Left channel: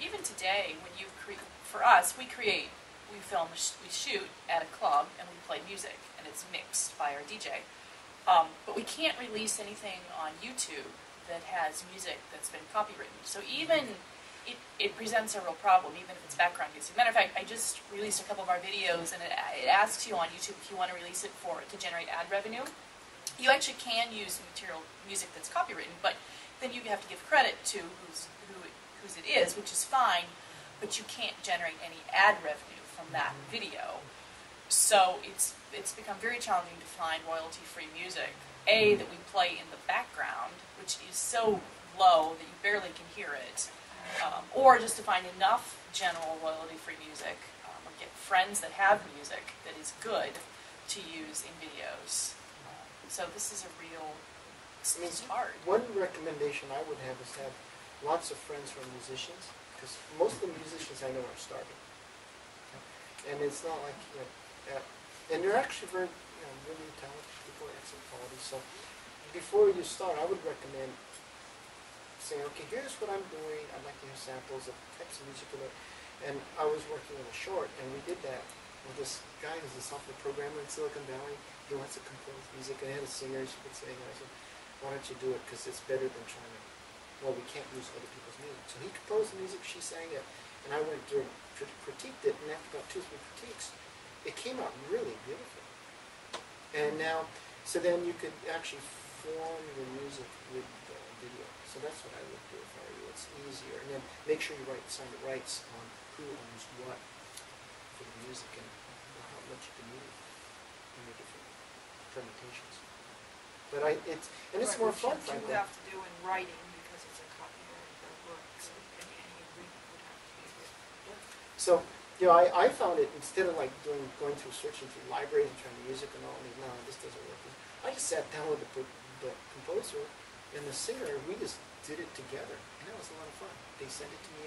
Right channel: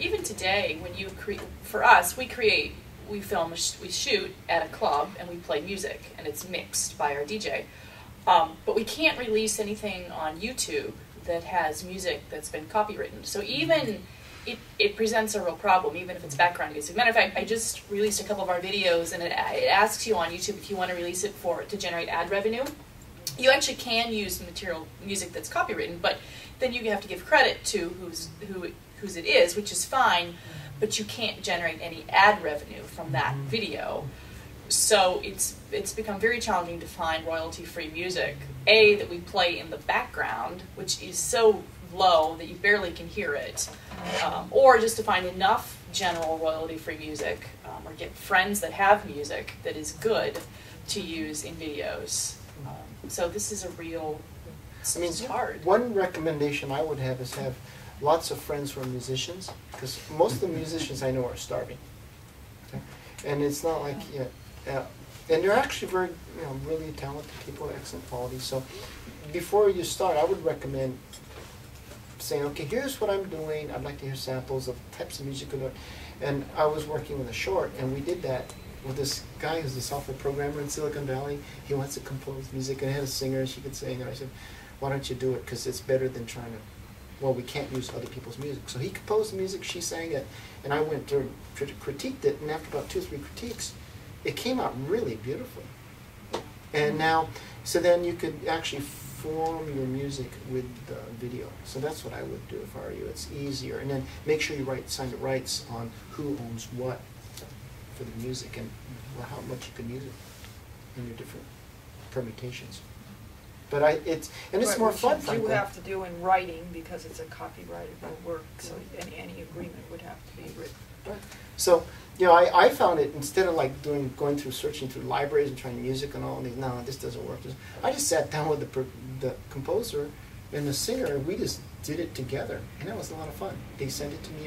even today, when you create, for us, we film, we shoot at a club, and we play music, and it's mixed by our DJ. But we can't release anything on YouTube that has music that's been copywritten. So even it presents a real problem, even if it's background music. Matter of fact, I just released a couple of our videos, and it asks you on YouTube if you want to release it to generate ad revenue. You actually can use music that's copywritten, but then you have to give credit to whose it is, which is fine, but you can't generate any ad revenue from that video. So it's become very challenging to find royalty-free music, that we play in the background, which is so low that you barely can hear it, or just to find enough general royalty-free music, or get friends that have music that is good to use in videos. So this is a real, it's hard. One recommendation I would have is have lots of friends who are musicians, because most of the musicians I know are starving. Okay? And it's not like, and they're actually very, really talented people, excellent quality. So before you start, I would recommend saying, okay, here's what I'm doing. I'd like to hear samples of types of music. And I was working with a short, and we did that with this guy who's a software programmer in Silicon Valley. He wants to compose music, and he had a singer, she could sing. And I said, why don't you do it? Because it's better than trying to, well, we can't use other people's music. So he composed the music, she sang it, and I went to critiqued it, and after about 2 or 3 critiques, it came out really beautifully. And now, so then you could actually form your music with the video. So that's what I would do if I were you. It's easier. And then make sure you sign the rights on who owns what for the music, and how much you can use it in your different permutations. But it's more fun, frankly. You have to do in writing because it's a copyrightable work, so any agreement would have to be written. Right. So, I found it, instead of like going through searching through libraries and trying to music and all these, no, this doesn't work. I just sat down with the composer and the singer. We just did it together, and that was a lot of fun. They sent it to me,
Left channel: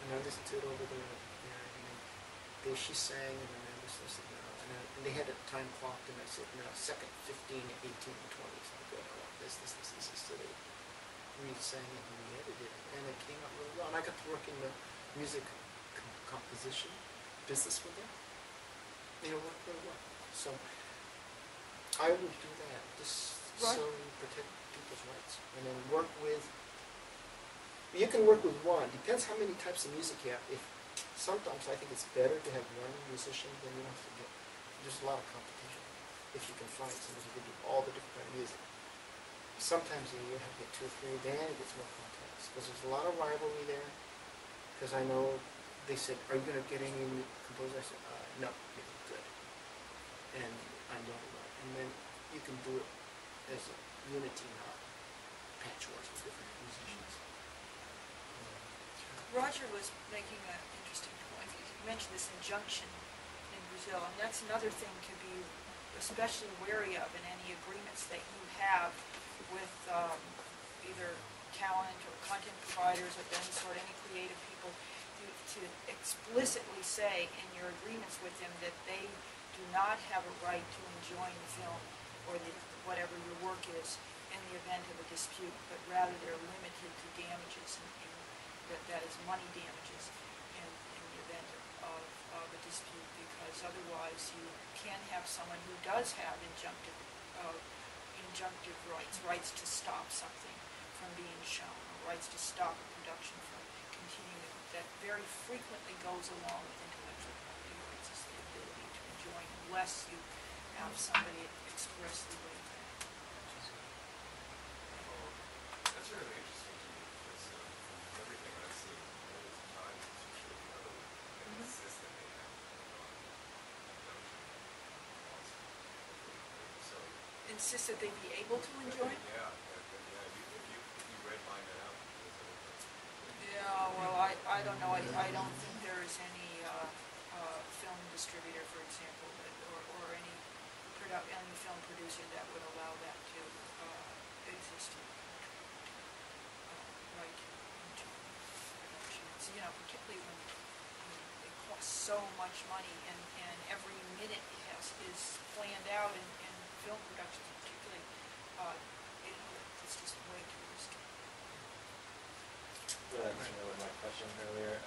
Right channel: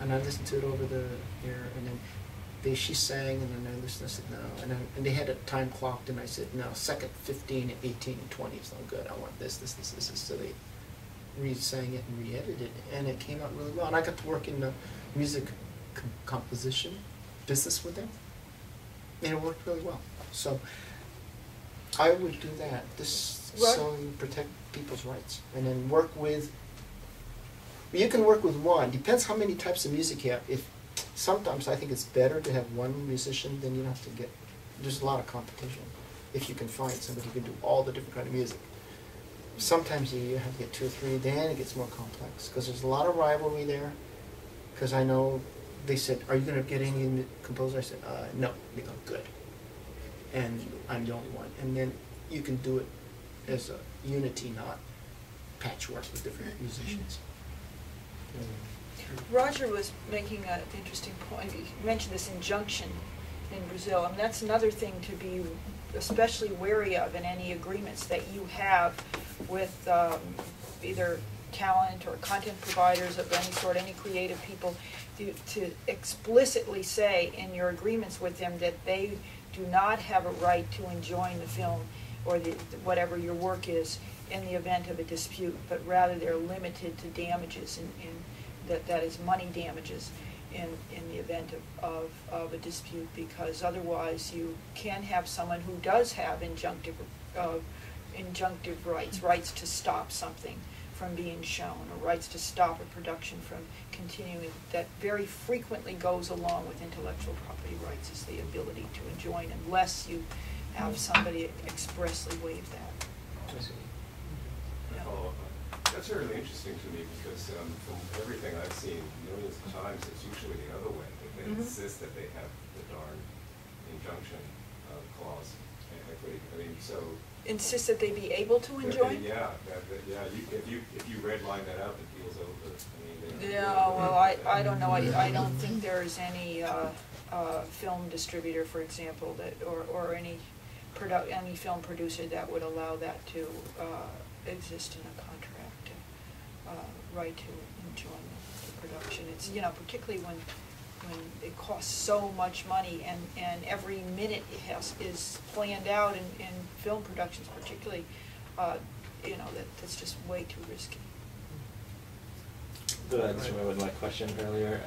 and I listened to it over there, and then she sang, and then I listened. I said no, and they had it time clocked, and I said no. Second 15, 18, 20 is no good. I want this. So they re-sang it and re-edited it, and it came out really well. And I got to work in the music composition business with them, and it worked really well. So I would do that. So you protect people's rights, and then work with. You can work with one. Depends how many types of music you have. Sometimes I think it's better to have one musician than you have to get. There's a lot of competition if you can find somebody who can do all the different kind of music. Sometimes you have to get 2 or 3. Then it gets more complex because there's a lot of rivalry there. Because I know they said, "Are you going to get any composer?" I said, "No." They go, "Good." And I'm the only one. And then you can do it as a unity, not patchwork with different musicians. Roger was making an interesting point. He mentioned this injunction in Brazil, and that's another thing to be especially wary of in any agreements that you have with either talent or content providers of any sort, any creative people, to explicitly say in your agreements with them that they do not have a right to enjoin the film or whatever your work is in the event of a dispute, but rather they're limited to damages that is money damages in the event of a dispute, because otherwise you can have someone who does have injunctive rights to stop something from being shown, or rights to stop a production from continuing, that very frequently goes along with intellectual property rights, is the ability to enjoin, unless you have somebody expressly waive that. That's really interesting to me, because from everything I've seen millions of times, it's usually the other way, that they insist that they have the darn injunction clause. So insist that they be able to enjoin? Yeah. If you redline that out, the deal's over. Well, I don't know. I don't think there's any film distributor, for example, that or any film producer that would allow that to exist in a contract. Right to enjoy the production. It's particularly when it costs so much money, and every minute is planned out in film productions, particularly, that's just way too risky. That's with my question earlier.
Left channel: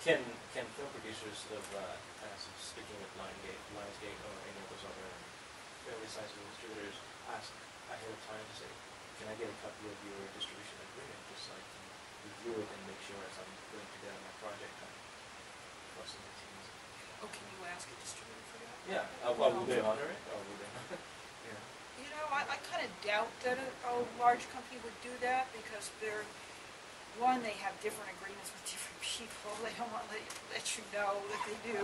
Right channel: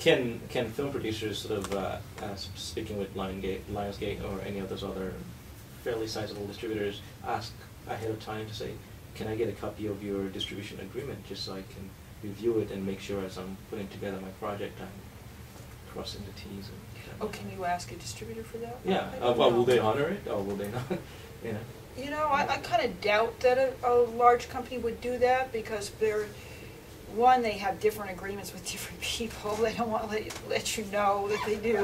Can film producers sort of, speaking with Lionsgate or any of those other fairly sizable distributors, ask ahead of time to say, can I get a copy of your distribution agreement just so I can review it and make sure as I'm putting together my project I'm crossing the T's and. Oh, can you ask a distributor for that? Yeah. I Well, don't will know. they honor it or will they not? You know. You know, I kind of doubt that a large company would do that because one, they have different agreements with different people. They don't want to let you know that they do.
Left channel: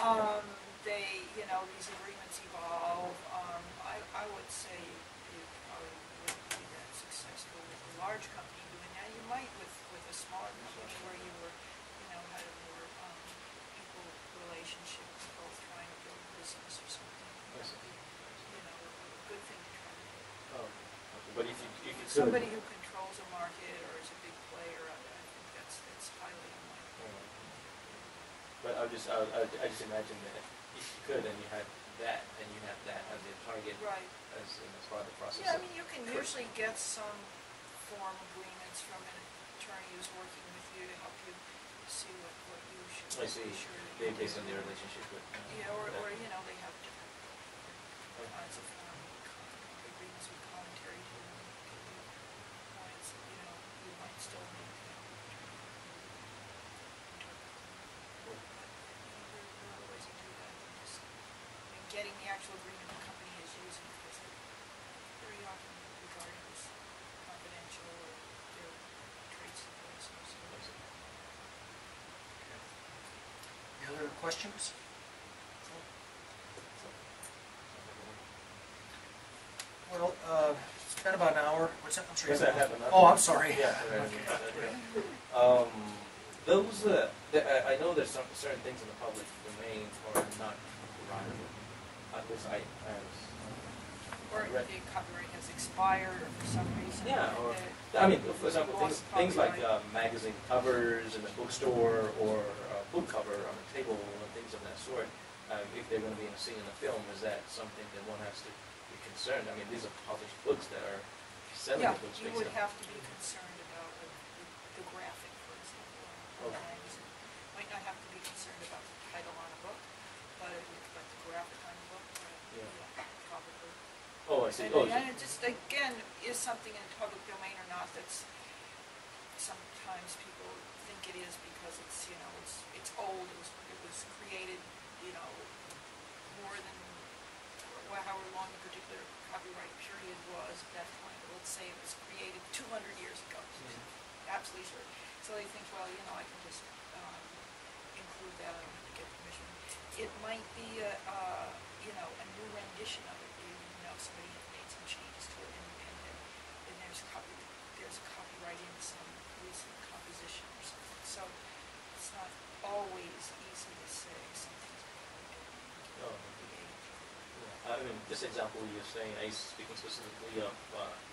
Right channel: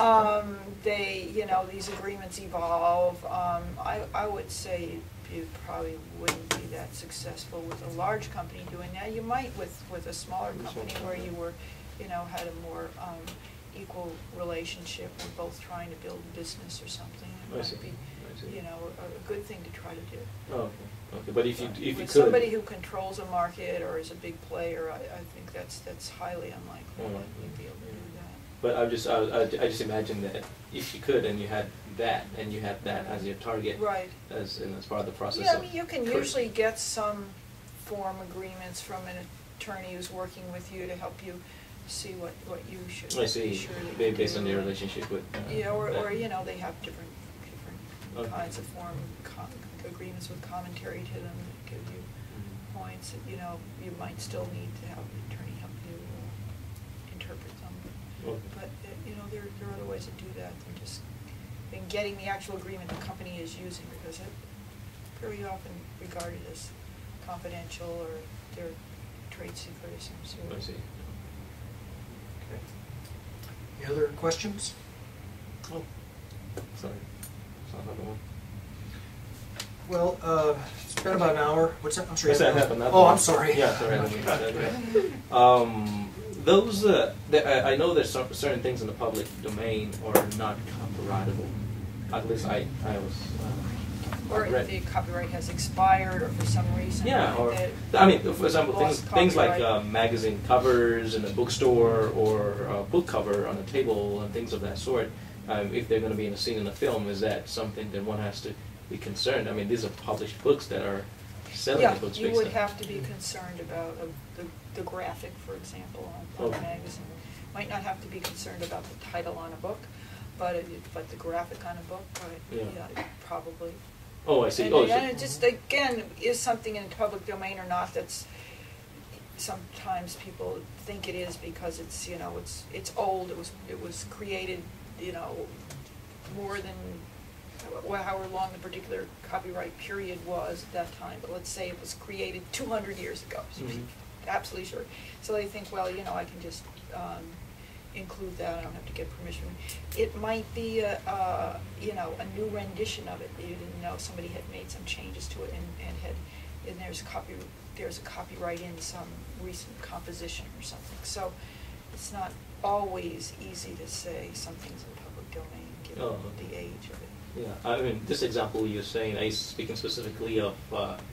Okay. You know, these agreements evolve. I would say you probably wouldn't be that successful with a large company doing that. You might with a smaller company where you were, you know, had a more equal relationship and both trying to build a business or something. It might be, you know, a good thing to try to do. Oh, okay. Okay. But if you With could. somebody who controls a market or is a big player, I think that's highly unlikely to be able to do that. But I just imagine that if you could and you had that as your target Right. as part of the process. Yeah, I of mean, you can usually get some form agreements from an attorney who's working with you to help you see what you should I see. be sure that you Based do. on their relationship with. Yeah, or that. you know, they have different Okay. kinds of agreements with commentary to them that give you points that, you know, you might still need to have an attorney help you interpret them. Okay. But, you know, there are other ways to do that than just than getting the actual agreement the company is using, because it's very often regarded as confidential or their trade secret of some sort. I see. Okay. Any other questions? Oh, sorry. Sounds like a one. Well, it's been about an hour. What's that? I'm sorry. Yes, I have another Oh, one. I'm sorry. Yeah, sorry. I didn't mean that. Those, I know there's certain things in the public domain are not copyrightable. At least I was. Or read. the copyright has expired, or for some reason. Yeah, or that I mean, for example, lost things like copyright. magazine covers in a bookstore or a book cover on a table and things of that sort. If they're going to be in a scene in a film, is that something that one has to be concerned? I mean, these are published books that are selling Yeah, the books. you based would on- have to be concerned about the graphic, for example, on Okay. a magazine. Might not have to be concerned about the title on a book, but the graphic on a book, right? Yeah. Probably. Oh, I see. And, Oh, and so- it just, again, is something in the public domain or not, that's, sometimes people think it is because it's, you know, it's old, it was created, you know, more than, however long the particular copyright period was at that time, but let's say it was created 200 years ago, Mhm. absolutely sure. So they think, well, you know, I can just include that, I don't have to get permission. It might be you know, a new rendition of it. You didn't know somebody had made some changes to it and there's a copyright in some recent composition or something. So it's not always easy to say something's in public domain given Oh. the age of it. Yeah, I mean, this example you're saying, are you speaking specifically of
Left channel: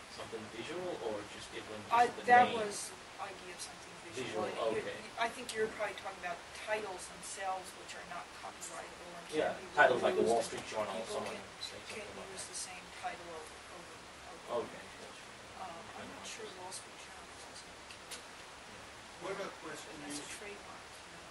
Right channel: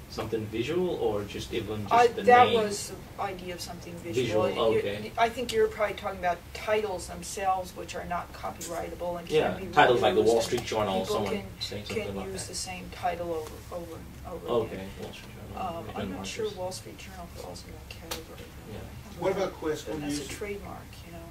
something visual or just even just the That name? was the idea of something visual. Visual, okay. I think you're probably talking about titles themselves, which are not copyrightable and Yeah, can be titles like the reused, Wall and Street Journal, people someone can- saying something can like use that. the same title over and over Okay, again. Wall Street Journal. I'm depending not on sure this. Wall Street Journal falls in that category. Yeah. What about Quest? And When that's a you use- trademark.